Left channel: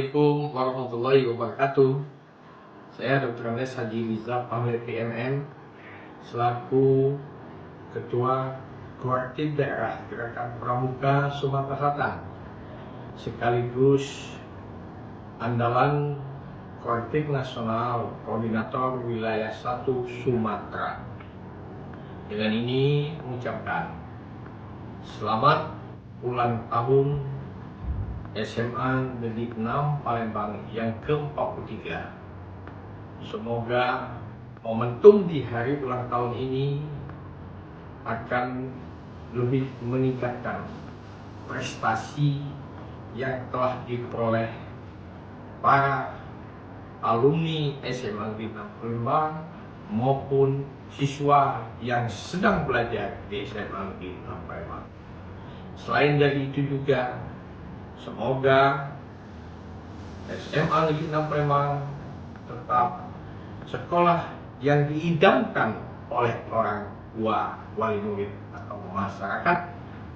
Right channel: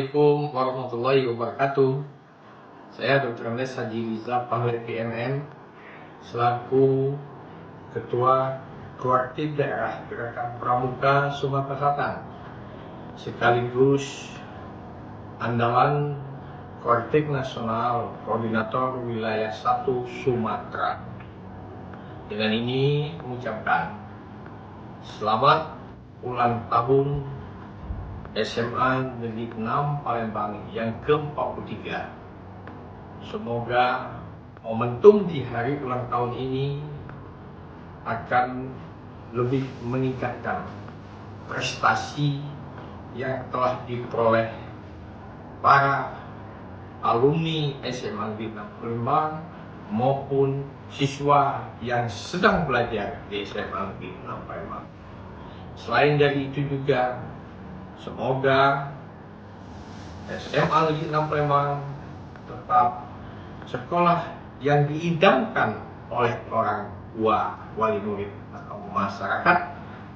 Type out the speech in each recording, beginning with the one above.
Assalamualaikum warahmatullahi wabarakatuh. Saya Dr. Andes Haji Rizal Pamir PMN selaku Ketua Proaktif Daerah Gerakan Pramuka Sumatera Selatan sekaligus andalan Proaktif Nasional Koordinator Wilayah 1 Sumatera. Dengan ini mengucapkan selamat ulang tahun SMA Negeri 6 Palembang yang ke-43. Semoga momentum di hari ulang tahun ini akan lebih meningkatkan prestasi yang telah diperoleh para alumni SMA Negeri 6 Palembang maupun siswa yang sedang belajar di SMA Negeri 6 Palembang. Selain dari itu juga, semoga SMA Negeri 6 Palembang tetap sekolah yang diidamkan oleh orang tua, wali murid atau masyarakat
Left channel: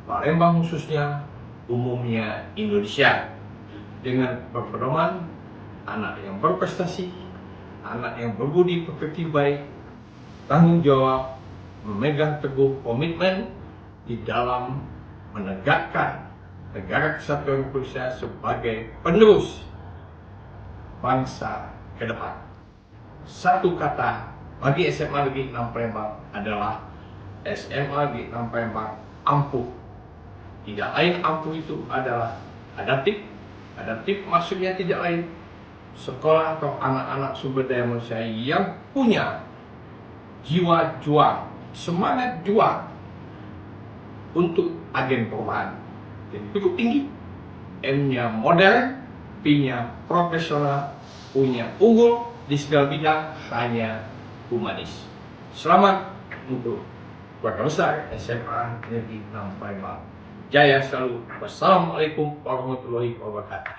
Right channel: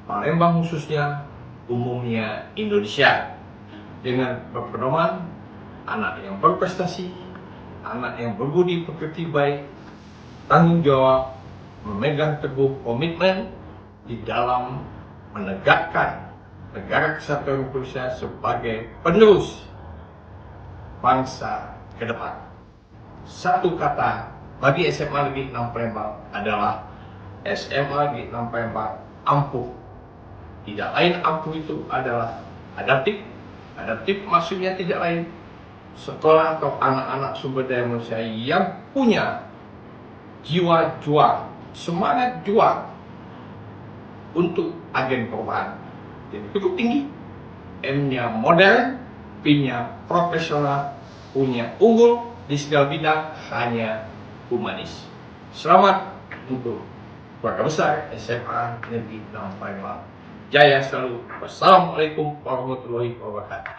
Palembang khususnya, umumnya Indonesia, dengan berpedoman anak yang berprestasi, anak yang berbudi pekerti baik, tanggung jawab, memegang teguh komitmen di dalam menegakkan Negara Kesatuan Republik Indonesia sebagai penerus bangsa ke depan. Satu kata bagi SMA Negeri 6 Palembang adalah SMA Negeri 6 Palembang ampuh. Tidak lain ampuh itu adalah adaptif. Adaptif maksudnya tidak lain sekolah atau anak-anak sumber daya manusia yang punya jiwa juang, semangat juang untuk agen perubahan. Cukup tinggi, M-nya modern, P-nya profesional, U-nya unggul di segala bidang, hanya humanis. Selamat untuk keluarga besar SMA Negeri 6 Palembang. Jaya selalu. Wassalamualaikum warahmatullahi wabarakatuh.